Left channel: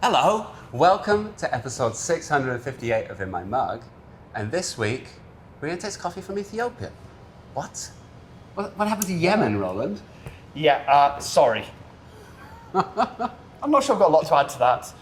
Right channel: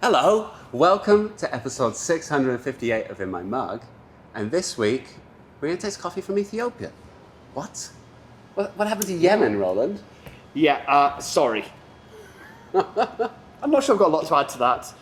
Hello, welcome to episode 658 of In My Mug, and this week we're going to taste coffee from Ethiopia. What? What happened to Yemen, Roland? Yeah, sorry. I'm not sure I've got a lot to add to that.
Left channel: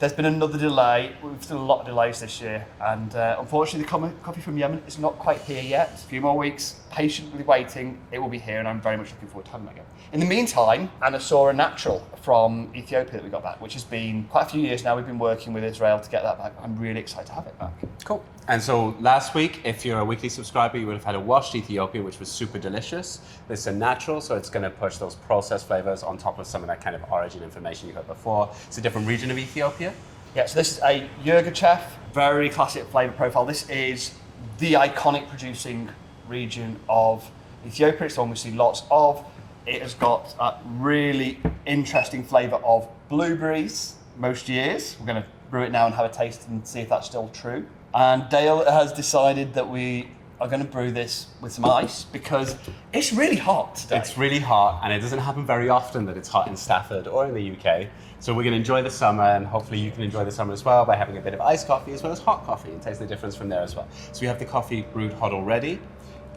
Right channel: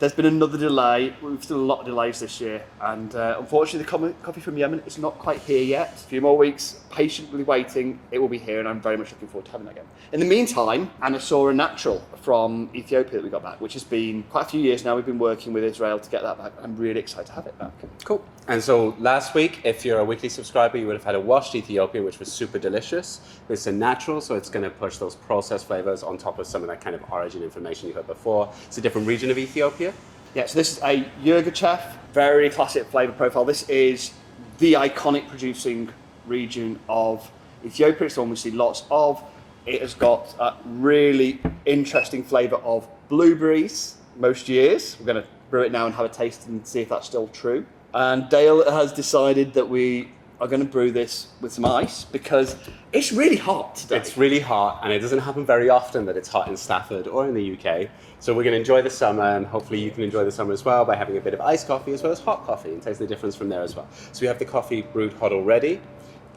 There's been another delay. We've seen a lot of delays this year, and unfortunately the coffee from Yemen is not quite here yet. A few more weeks, patiently waiting, it will be here, and I'm very much looking forward to having that again. In the meantime, Sora natural from Ethiopia that we got back, which has been quite a few years now. We've been working with Israel to get that back. I'm really excited to have it back. Cool. And so last week, if you're a weekly subscriber, you would have had a washed Ethiopia, which was super delicious. This is a natural, so it's going to push those processed flavors on top of some of that kind of origin information you heard before. It's a different region of Ethiopia. Yeah, so this is a Yirgacheffe, very classic flavour profile. This is the iconic producing region of Ethiopia. It's the one we see lots of. It has got a really interesting flavour of blueberries most years. We're going to brew it now and have a taste and see if that's still true. And Dale has decided that we are going to brew this with some ice because it's really hot today. It's really hot, and it doesn't happen very often that it's hot in Stafford or in the UK. So we're going to enjoy the summer, and hopefully you can enjoy the summer as well by having a bit of iced coffee as well as hot coffee and taste the difference from there as well. So we have the coffee brewed hot already,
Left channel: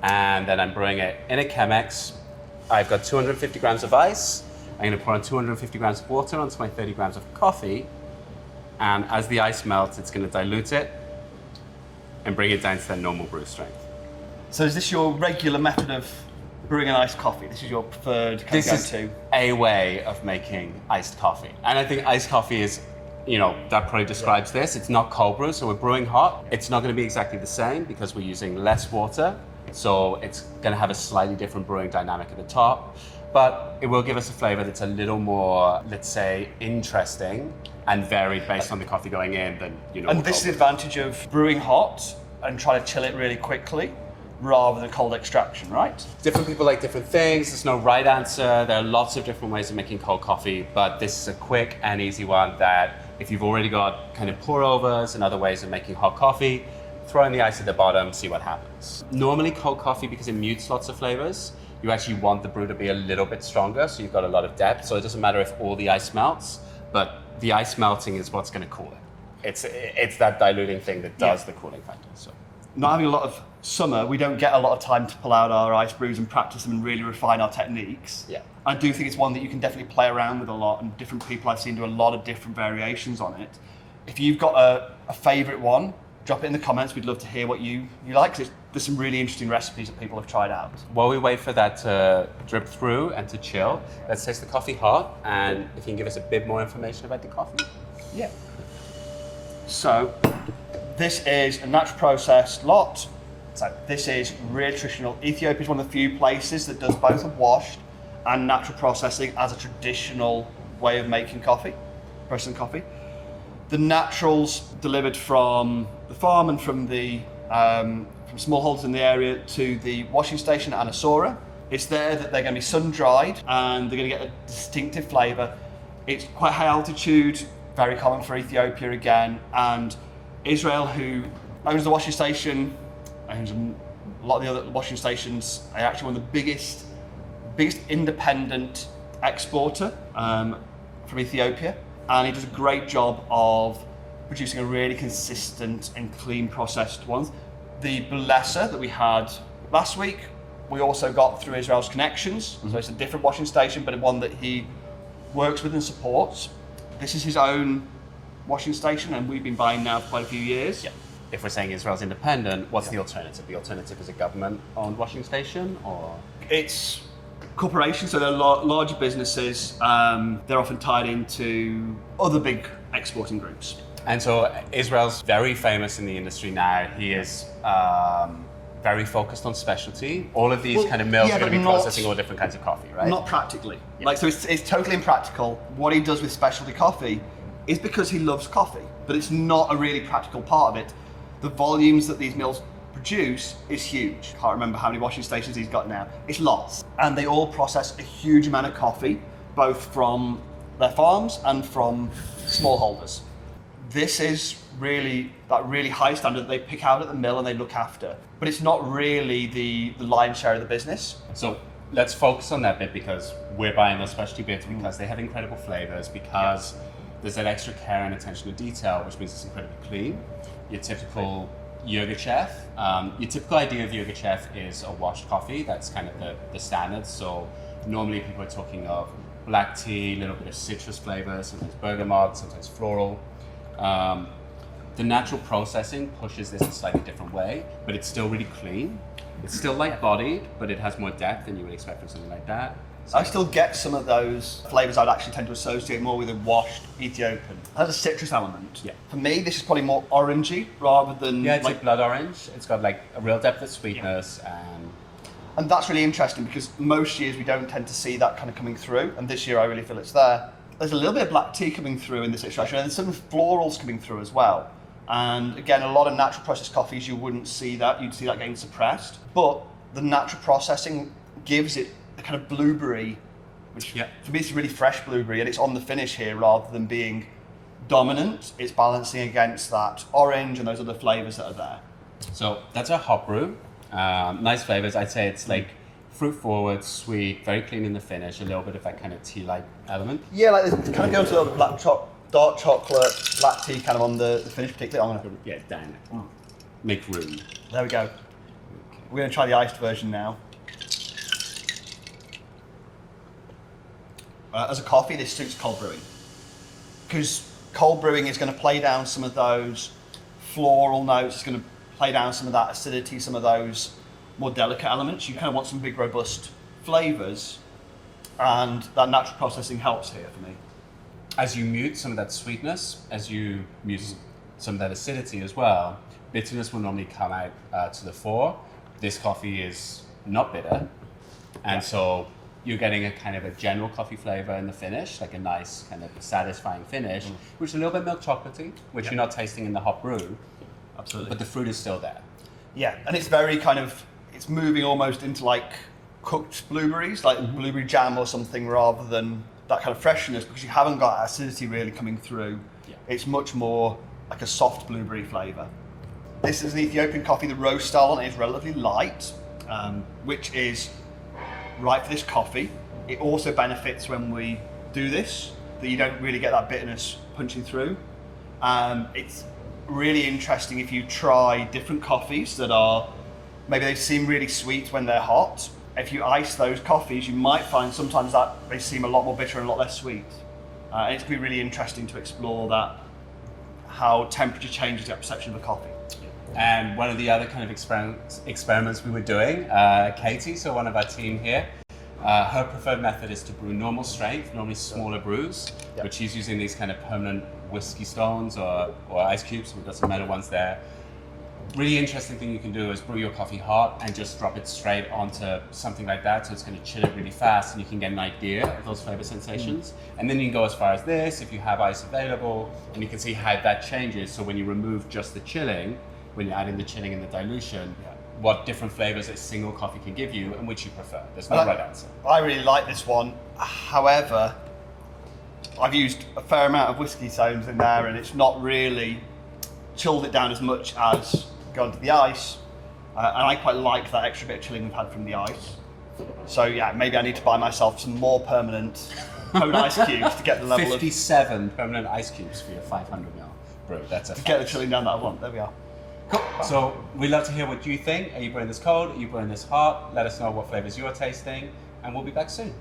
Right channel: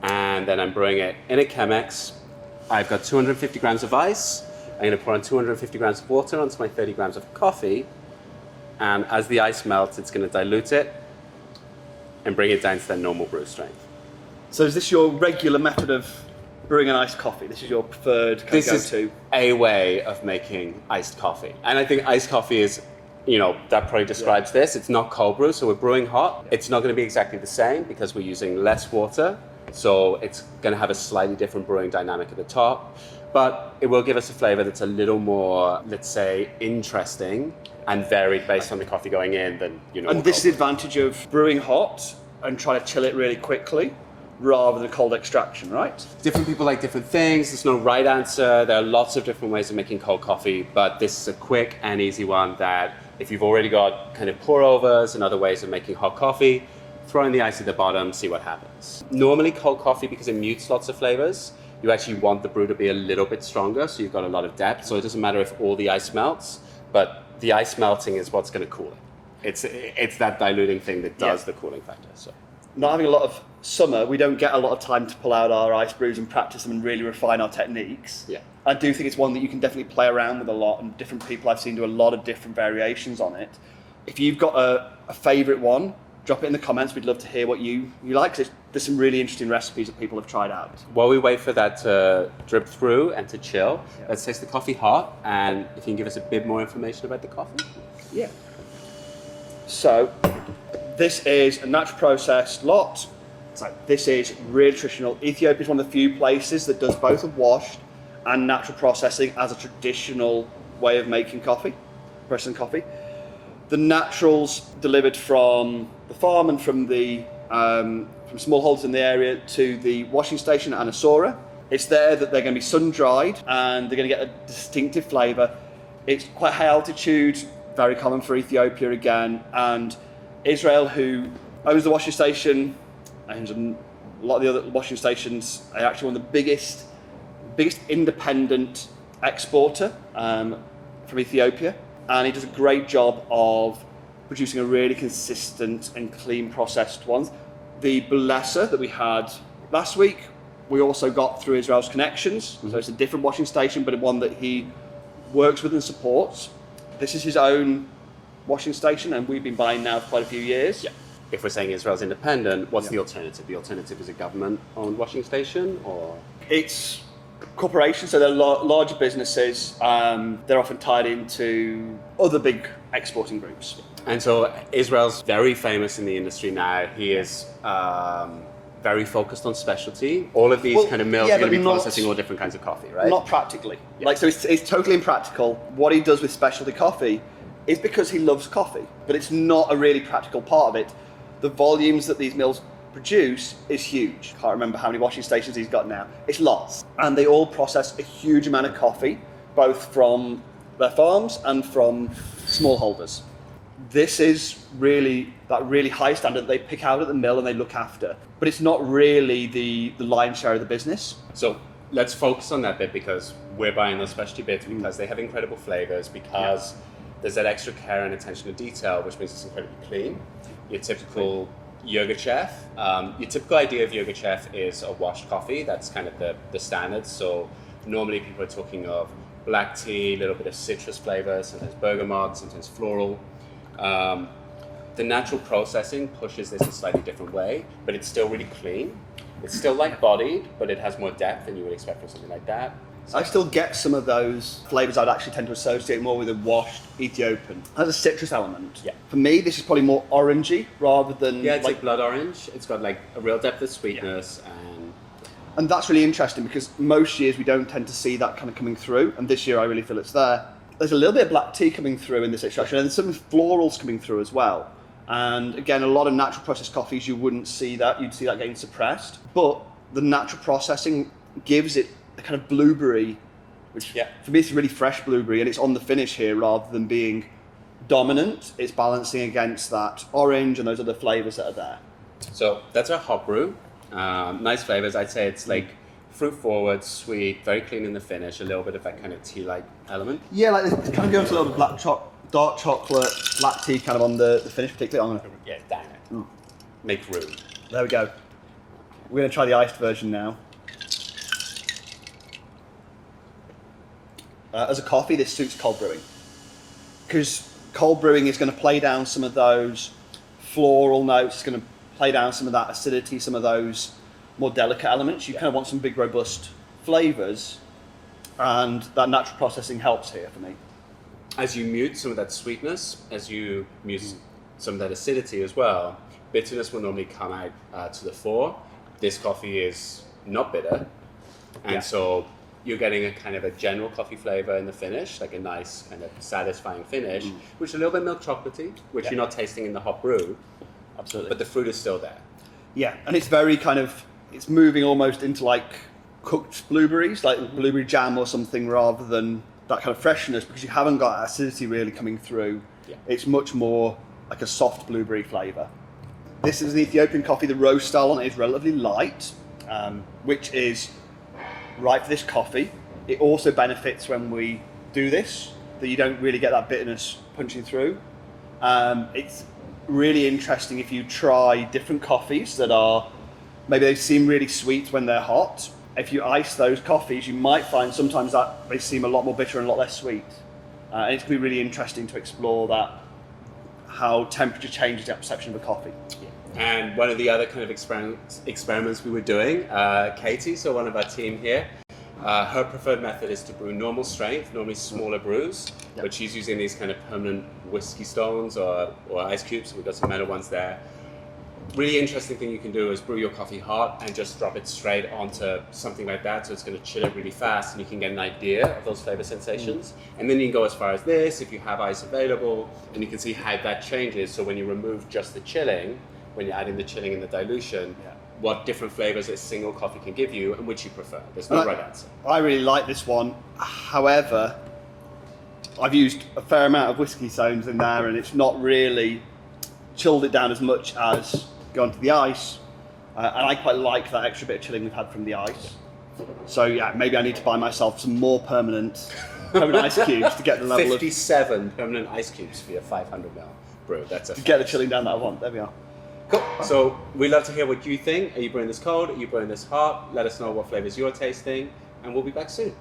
and then I'm brewing it in a Chemex. I've got 250 grams of ice. I'm going to pour on 250 grams of water onto my 30 grams of coffee, and as the ice melts, it's going to dilute it and bring it down to their normal brew strength. So is this your regular method of brewing an iced coffee? This is your preferred kind of go-to? This is a way of making iced coffee. And I think iced coffee is, that probably describes this. It's not cold brew, so we're brewing hot. It's not going to be exactly the same because we're using less water. So it's going to have a slightly different brewing dynamic at the top. But it will give us a flavor that's a little more, let's say, interesting and varied based on the coffee going in than, And this is the advantage of brewing hot and trying to chill it really quickly, rather than cold extraction, right? Different people like different things. There's no right answer. There are lots of different ways of making cold coffee, but this is a quick and easy one that if you've already got kind of pour overs and other ways of making hot coffee, throw in the ice at the bottom, see what happens. Normally cold coffee, because it mutes lots of flavors, you actually want the brew to be a little bit stronger, so you've got a lot of depth. So it doesn't matter if all the ice melts, but the ice melting is what's going to cool it. It's that diluting thing that does the cooling factor. So. Not having a lot of summer, we don't get a lot of time to pull out our ice brews and practice them and really refine our techniques. Yeah. I do think it's one that you can definitely play around with a lot, and different people I've seen do a lot of different variations on it. If you've got a favourite one, drop it in the comments. We'd love to hear what you like, because there's some really interesting recipes that people have tried out. While we wait for that to drip through and to chill, let's taste the coffee hot, and if you can give us a bit more information about the coffee. Yeah. So, this is a natural processed lot. So this is really traditional. Ethiopia is one of the few places that does both a washed and natural processing as a traditional way of making coffee, processing coffee. The naturals delivered from the farm and from the from smallholders in the area to the washing station at Sora. It's there that they're going to be sun dried and they're going to get a distinctive flavour. It's quite high altitude, very common for Ethiopia again, and Israel, who owns the washing station, owns a lot of the other washing stations, are actually one of the biggest independent exporter from Ethiopia, and he does a great job of producing a really consistent and clean processed ones. The Blesser that we had last week, we also got through Israel's connections, so it's a different washing station, but one that he works with and supports. This is his own washing station, and we've been buying now for quite a few years. Yeah. If we're saying Israel's independent, what's the alternative? The alternative is a government-owned washing station, or? It's corporations, so they're larger businesses. They're often tied into other big exporting groups. And so Israel's very famous in the industry now. He is very focused on specialty. All of these kind of mills are going to be processing all different kinds of coffee, right? Not practically. Yeah. So it's totally impractical. What he does with specialty coffee is because he loves coffee, but it's not a really practical part of it. The volumes that these mills produce is huge. Can't remember how many washing stations he's got now. It's lots. And they all process a huge amount of coffee, both from their farms and from smallholders. This is really that really high standard that they pick out at the mill and they look after. But it's not really the lion's share of the business. So let's focus on that bit, because we're buying those specialty bits because they have incredible flavors, because there's that extra care and attention to detail, which means it's incredibly clean. Your typical yogurt chef, your typical idea of yogurt chef is a washed coffee. That's kind of the standard. So normally people are talking of black tea, a little bit of citrus flavors, sometimes bergamot, sometimes floral. The natural processing pushes this a slightly different way, but it's still really clean. It's still light bodied, but it has more depth than you would expect from something like that. I still get some of those flavours I'd actually tend to associate more with a washed Ethiopian. It has a citrus element. Yeah. For me, this is probably more orangey rather than... Yeah, it's like blood orange. It's got like a real depth of sweetness. And that's really interesting because most years we don't tend to see that kind of coming through, and this year I really feel it's there. There's a little bit of black tea coming through in this extraction, and there's some florals coming through as well. And again, a lot of natural processed coffees, you wouldn't see that. You'd see that getting suppressed. But the natural processing gives it a kind of blueberry, which for me it's really fresh blueberry, and it's on the finish here rather than being dominant. It's balancing against that orange and those other flavours that are there. So that's our hot brew. Nice flavors. I'd say it's like fruit forward, sweet, very clean in the finish, a little bit of that kind of tea-like element. Yeah, like it kind of goes a little dark chocolate, black tea kind of on the finish, particularly. Yeah, dang it. Make room. There we go. We're going to try the iced version now. As a coffee, this suits cold brewing, because cold brewing is going to play down some of those floral notes. It's going to play down some of that acidity, some of those more delicate elements. You kind of want some big, robust flavours, and that natural processing helps here for me. As you mute some of that sweetness, as you mute some of that acidity as well, bitterness will normally come out to the fore. This coffee is not bitter, and so you're getting a kind of a general coffee flavour in the finish, like a nice kind of satisfying finish, which is a little bit milk chocolatey, which you're not tasting in the hot brew. Absolutely. But the fruit is still there. Yeah, and it's very kind of, it's moving almost into like cooked blueberries, like blueberry jam or something, rather than that kind of freshness, because you haven't got acidity really coming through. Yeah. It's much more like a soft blueberry flavour. This is an Ethiopian coffee. The roast style on it is relatively light, which is right for this coffee. It also benefits when we do this, that you don't really get that bitterness punching through. It's really interesting if you try different coffees that are, maybe they seem really sweet when they're hot. If you ice those coffees, you might find sometimes that they seem a lot more bitter and a lot less sweet. And it's going to be really interesting to explore that, how temperature changes that perception of a coffee. And one of the other kind of experiments we were doing, Katie, so one of our team here, her preferred method is to brew normal strength, normally smaller brews, but she's using these kind of permanent whiskey stones or ice cubes. We've got some metal ones there. Really interesting thing you can do is brew your coffee hot and just drop it straight onto something like that, so it's going to chill it really fast and you can get an idea of those flavor sensations. And then you can go as far as this if you have ice available, and you can see how that changes. So when you remove just the chilling, when you're adding the chilling and the dilution, what different flavors a single coffee can give you and which you prefer. There's no right answer. I really like this one. However, I've used a fair amount of whiskey stones in there and it's not really chilled it down as much as gone to the ice. And I quite like that extra bit of chilling we've had from the ice. So yeah, maybe I need to buy myself some more permanent ice cubes to get the level 57 permanent ice cubes for your 500ml brew. That's a get the chilling down that I want. There we are. Cool. So we'd love to hear what you think. Are you brewing this cold? Are you brewing this hot? Let us know what flavors you're tasting, and we'll be back soon.